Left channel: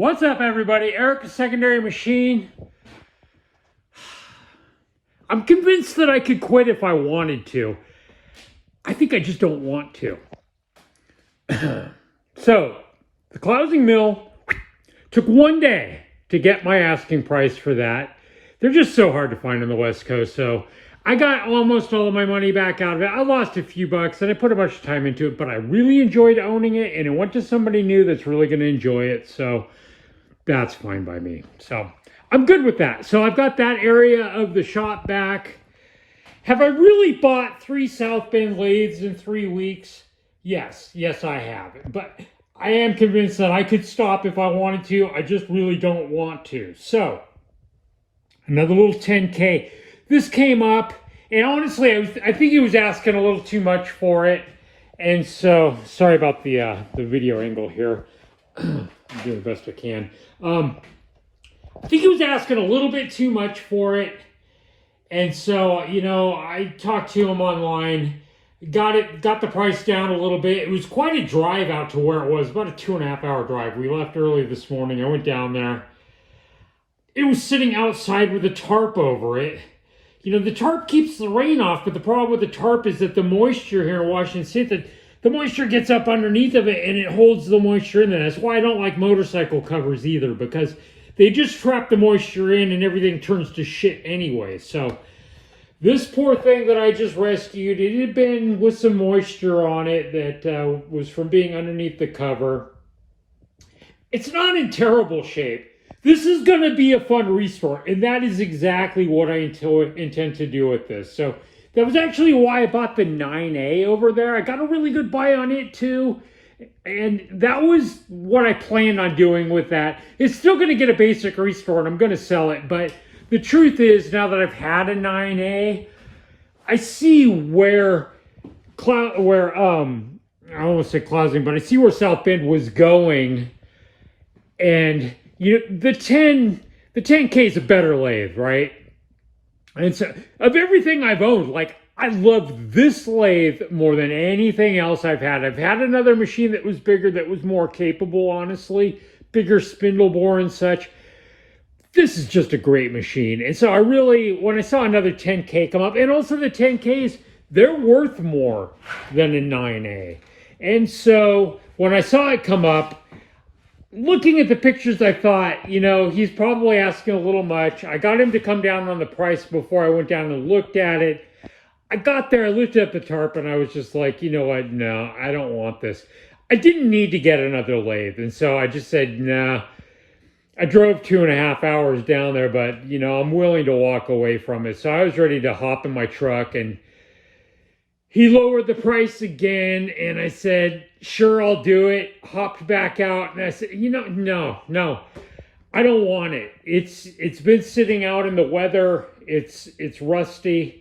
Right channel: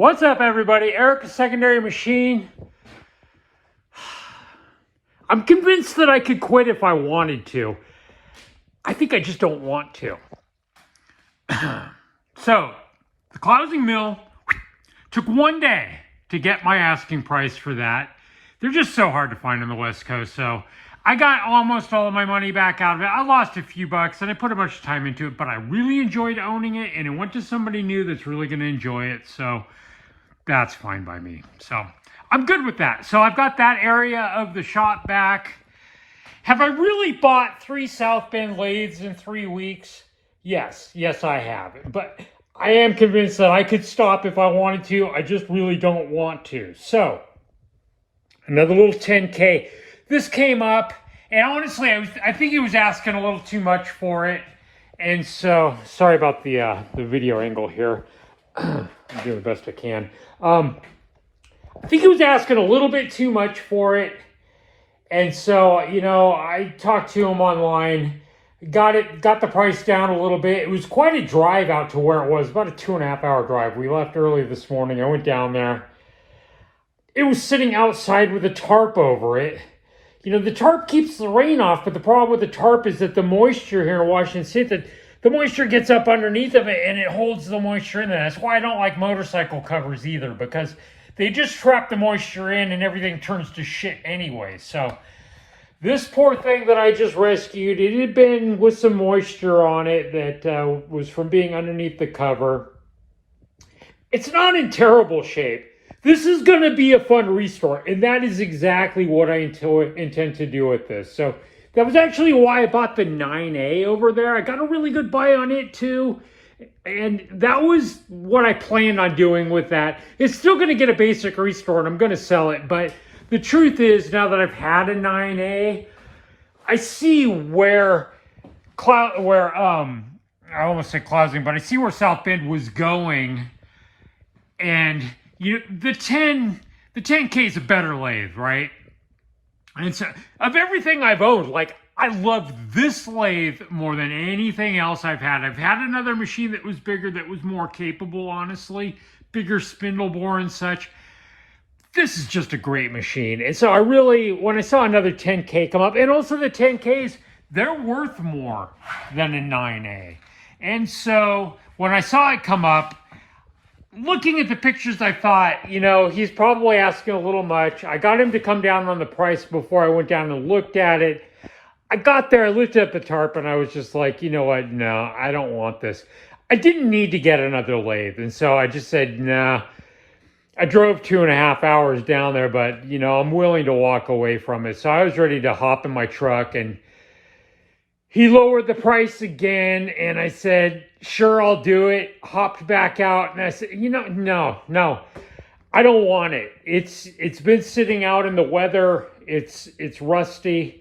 What's up, everybody? Eric, Secondary Machine. I'm convinced that I could quit if I wanted to. I think I just don't want to. So, the closing mill took one day to get my asking price for that. They're just so hard to find on the West Coast, so I got almost all of my money back out of it. I lost a few bucks, and I put a bunch of time into it, but I really enjoyed owning it, and it went to somebody new that's really going to enjoy it, so that's fine by me. So I'm good with that. So I've got that area of the shop back. Have I really bought 3 South Bend lathes in 3 weeks? Yes, I have. But I am convinced that I could stop if I wanted to. I just really don't want to. So another little 10K. This came up, and honestly, I think he was asking a little too much for it. And so, sorry about the video angle here. I'm doing the best I can. I think he was asking a little bit too much for it. And so, you know, I talked to him online, got the price down a little bit. It was quite a drive out to where it was, about a 2.5 hour drive. We left early this morning. I went down there. It was sitting outside with a tarp over it. You know, the tarp keeps the rain off, but the problem with the tarp is that the moisture here in Washington State, the moisture gets up underneath of it and it holds the moisture in there. That's why I don't like motorcycle covers either, because they just trap the moisture in and everything turns to shit anyway. So this poor thing that I just rescued, it had been with some moisture on it that was from being underneath the cover. It's not in terrible shape. This is going to be a fun restore, and that is exactly what I intend to do with this. So that was actually why I bought the 9A over there. I got a really good buy on it too. And that was what I planned on doing with that. It's still going to get a basic restore, and I'm going to sell it. But the truth is, now that I've had a 9A, I see where I almost said closing, but I see where South Bend was going. And you know, the 10K is a better lathe, right? And so, of everything I've owned, like, I love this lathe more than anything else I've had. I've had another machine that was bigger, that was more capable, honestly, bigger spindle bore and such. This is just a great machine. And so I really, when I saw another 10K come up, and also the 10Ks, they're worth more than a 9A. And so when I saw it come up, looking at the pictures, I thought, you know, he's probably asking a little much. I got him to come down on the price before I went down and looked at it. I got there, I lifted up the tarp, and I was just like, you know what, no, I don't want this. I didn't need to get another lathe, and so I just said, nah. I drove 2.5 hours down there, but, you know, I'm willing to walk away from it. So I was ready to hop in my truck, and he lowered the price again, and I said, sure, I'll do it. Hopped back out, and I said, you know, no, I don't want it. It's been sitting out in the weather. It's rusty.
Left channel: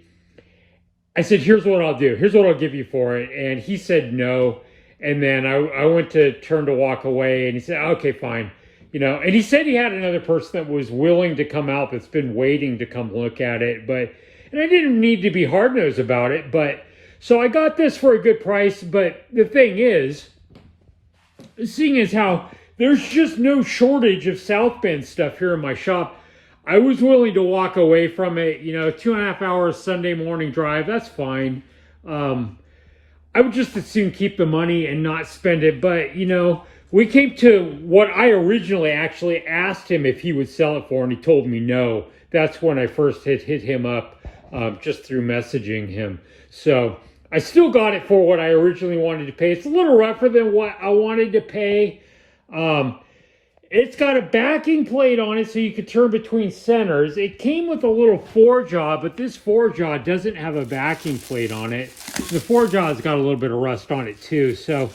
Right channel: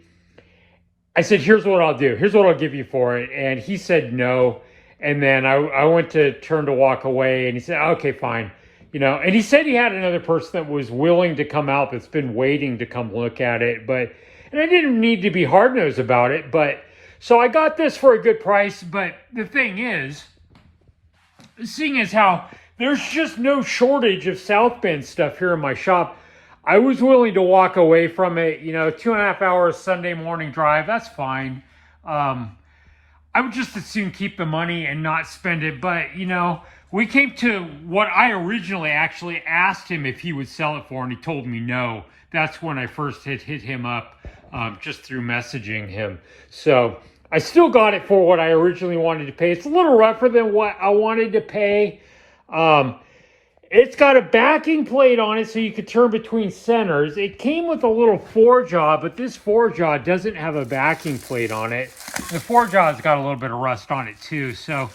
I said, here's what I'll do. Here's what I'll give you for it. And he said no. And then I went to turn to walk away, and he said, okay, fine. You know, and he said he had another person that was willing to come out that's been waiting to come look at it. And I didn't need to be hard-nosed about it, but so I got this for a good price. But the thing is, seeing as how there's just no shortage of South Bend stuff here in my shop, I was willing to walk away from it. You know, 2.5 hours Sunday morning drive, that's fine. I would just as soon keep the money and not spend it. But, you know, we came to what I originally actually asked him if he would sell it for, and he told me no. That's when I first hit him up just through messaging him. So I still got it for what I originally wanted to pay. It's a little rougher than what I wanted to pay. It's got a backing plate on it so you could turn between centers. It came with a little four-jaw, but this four-jaw doesn't have a backing plate on it. The four-jaw's got a little bit of rust on it too. So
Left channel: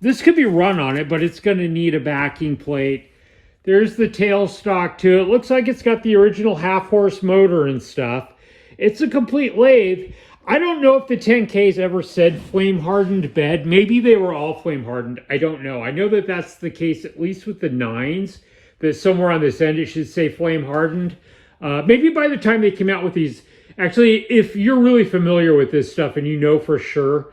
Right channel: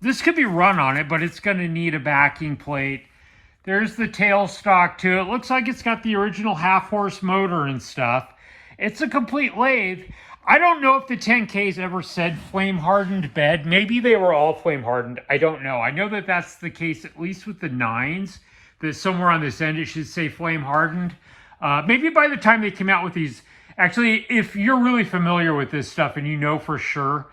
this could be run on it, but it's going to need a backing plate. There's the tail stock too. It looks like it's got the original half-horse motor and stuff. It's a complete lathe. I don't know if the 10Ks ever said flame-hardened bed. Maybe they were all flame-hardened. I don't know. I know that that's the case, at least with the 9s, that somewhere on this end it should say flame-hardened. Maybe by the time they came out with these, actually, if you're really familiar with this stuff and you know for sure,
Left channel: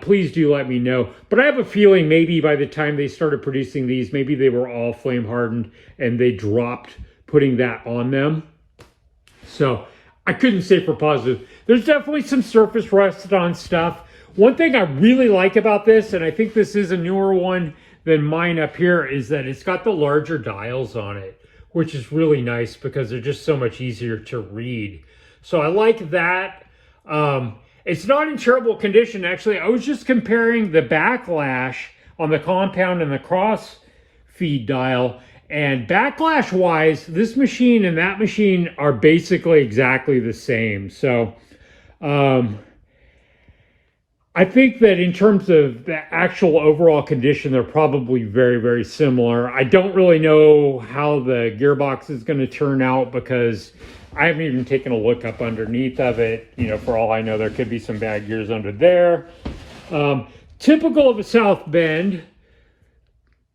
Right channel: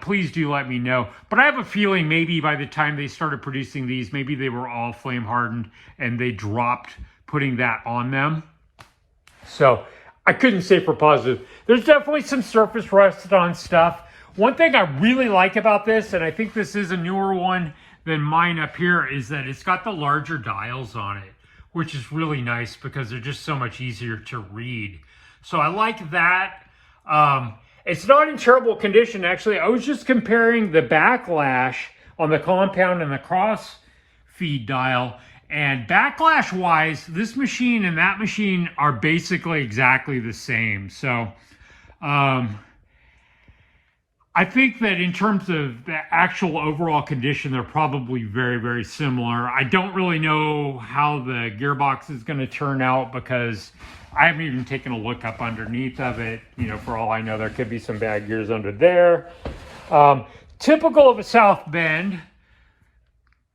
please do let me know. But I have a feeling maybe by the time they started producing these, maybe they were all flame hardened and they dropped putting that on them. So I couldn't say for positive. There's definitely some surface rust on stuff. One thing I really like about this, and I think this is a newer one than mine up here, is that it's got the larger dials on it, which is really nice because they're just so much easier to read. So I like that. It's not in terrible condition, actually. I was just comparing the backlash on the compound and the cross feed dial. And backlash wise, this machine and that machine are basically exactly the same. So I think that in terms of the actual overall condition, they're probably very, very similar. I don't really know how the gearbox is going to turn out because I haven't even taken a look up underneath of it. You know, for all I know, there could be some bad gears under there. Typical of a South Bend,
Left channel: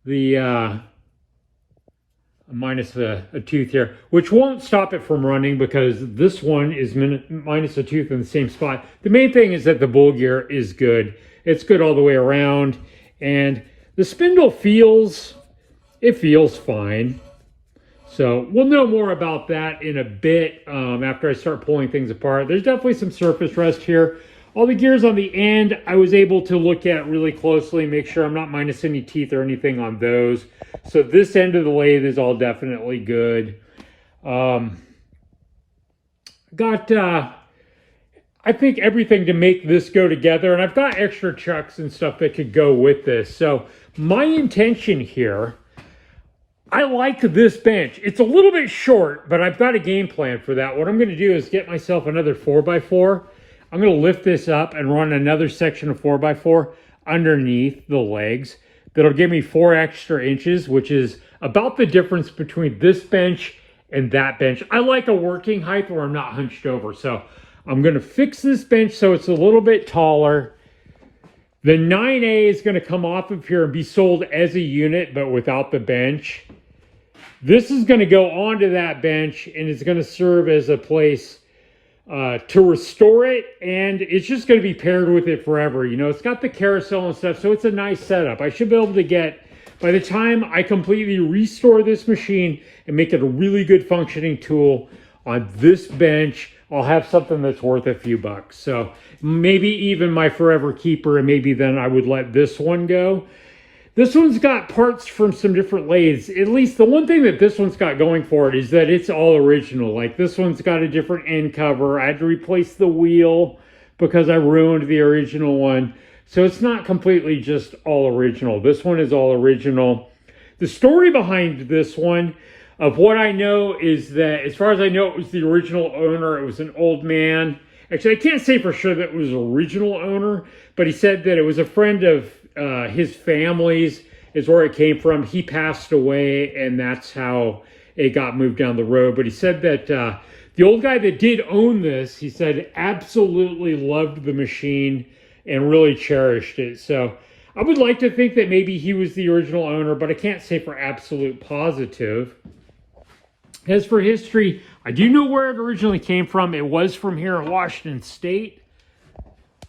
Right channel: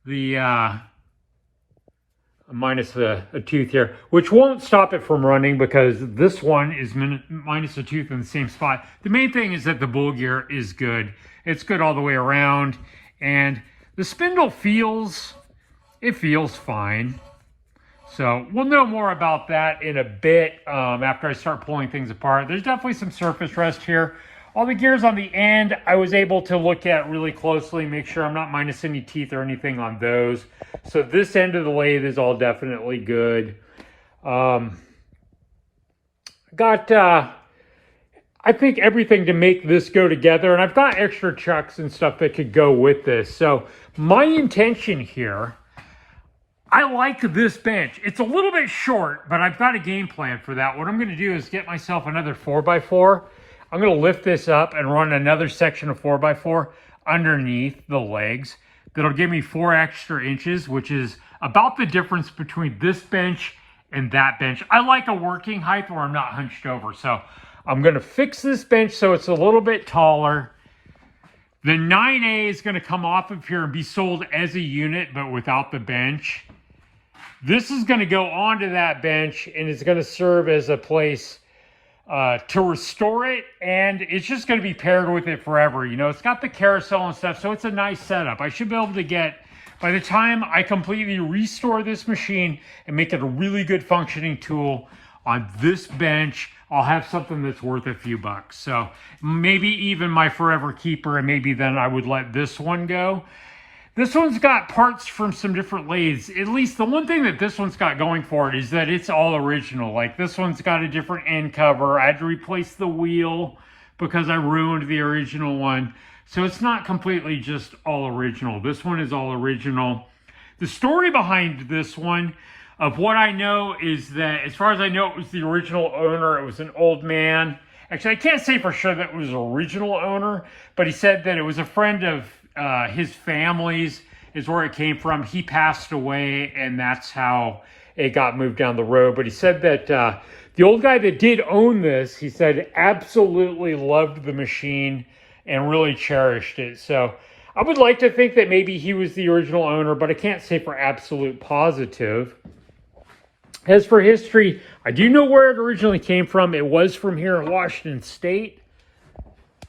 the minus a tooth here, which won't stop it from running because this one is minus a tooth in the same spot. The main thing is that the bull gear is good. It's good all the way around. And the spindle feels fine. So we'll know more about that in a bit after I start pulling things apart. There's definitely some surface rust here. All the gears on the end, I was able to look at really closely, make sure I'm not minus any teeth or anything on those. So this end of the lathe is all definitely good. Got, I think, everything to make this go together. And I've got extra chucks and stuff that could go with this. So my intention here, I like this bench. It's a little bit short, but I've got a game plan for that. What I'm going to do is get myself another 4x4. I'm going to lift this up and run another section of 4x4 underneath the legs. That'll give me 4 extra inches, which is about the difference between this bench and that bench. I like a working height where I'm not hunched over. So I'm going to fix this bench so it's a little bit taller. The 9A is going to come off of here and be sold as a unit, but without the bench. This is going to go onto that bench and it's going to serve as a place to restore it, and it's just going to be paired with it forever. You know, it's got the carousel and stuff, so it's a nice setup. I should be able to get, by the time I completely restore this machine and make it a really good functioning tool on this bench, I'll have something that's worth a few bucks. So maybe even my forever keeper, and maybe then I would let this one go. This one's got parts from some different lathes. At least the one thing that this one's got going for it is that it's all original. Like this one's got a different end cover. I had to replace the wheel because I ruined the original one. So it's not completely just all original. This one is all original. The story behind this one, of what I know, is that as far as I know, it was the original owner. It was an old man. Actually, I can't say for sure that it was the original owner, but he said that it was a friend of his family's is where it came from. He passed away, and that's how it got moved down the road. But he said that the old guy that did own this, he said, absolutely loved the machine and really cherished it. So I would like to think that maybe he was the original owner, but I can't say for absolute positive. As for history, I do know where it originally came from. It was from here in Washington State.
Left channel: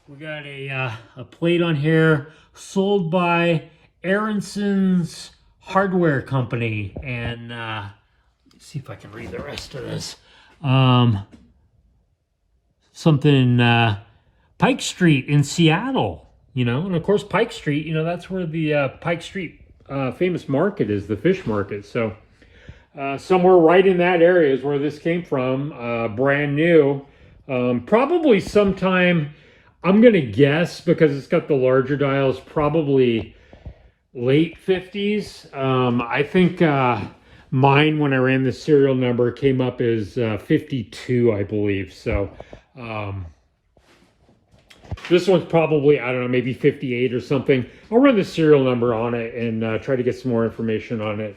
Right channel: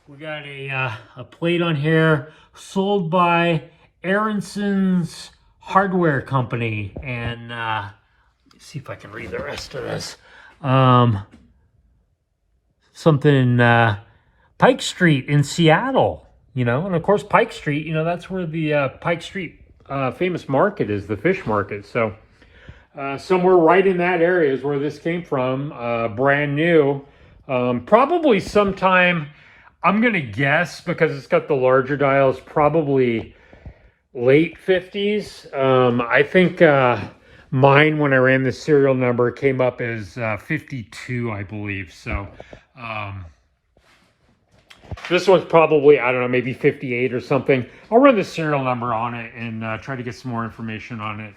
We got a plate on here, sold by Aronson's Hardware Company. And let's see if I can read the rest of this. Something Pike Street in Seattle, you know. And of course, Pike Street, you know, that's where the Pike Street famous market is, the fish market. So somewhere right in that area is where this came from, brand new. Probably sometime, I'm going to guess, because it's got the larger dials, probably late 50s. I think mine, when I ran the serial number, came up as 52, I believe. So this one's probably, I don't know, maybe 58 or something. I'll run the serial number on it and try to get some more information on it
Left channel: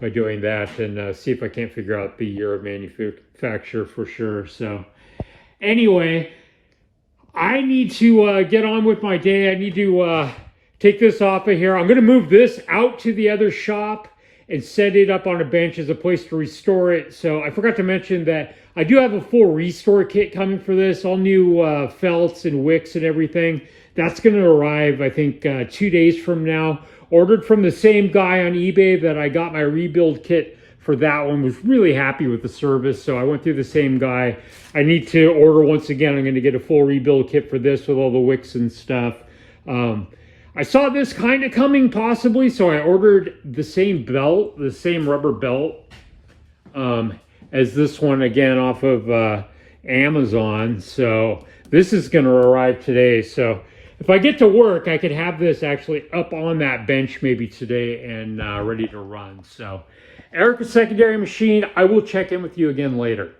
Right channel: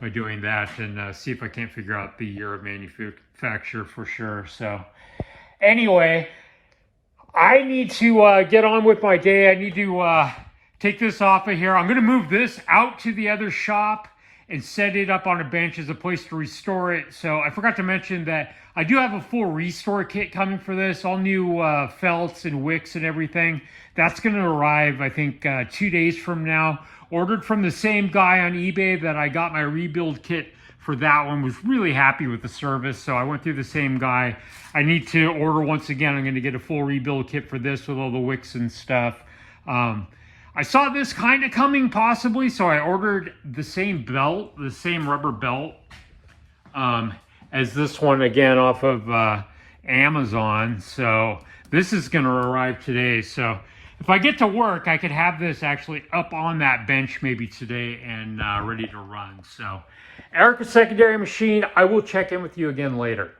by doing that, and see if I can't figure out the year of manufacture for sure. So anyway, I need to get on with my day. I need to take this off of here. I'm going to move this out to the other shop and set it up on a bench as a place to restore it. So I forgot to mention that I do have a full restore kit coming for this, all new felts and wicks and everything. That's going to arrive, I think, 2 days from now. Ordered from the same guy on eBay that I got my rebuild kit for. That one. Was really happy with the service, so I went through the same guy. I need to order once again. I'm going to get a full rebuild kit for this with all the wicks and stuff. I saw this kind of coming possibly, so I ordered the same belt, the same rubber belt as this one again off of Amazon. So this is going to arrive today. So if I get to work, I could have this actually up on that bench maybe today and ready to run. So Erica Secondary Machine, I will check in with you again later.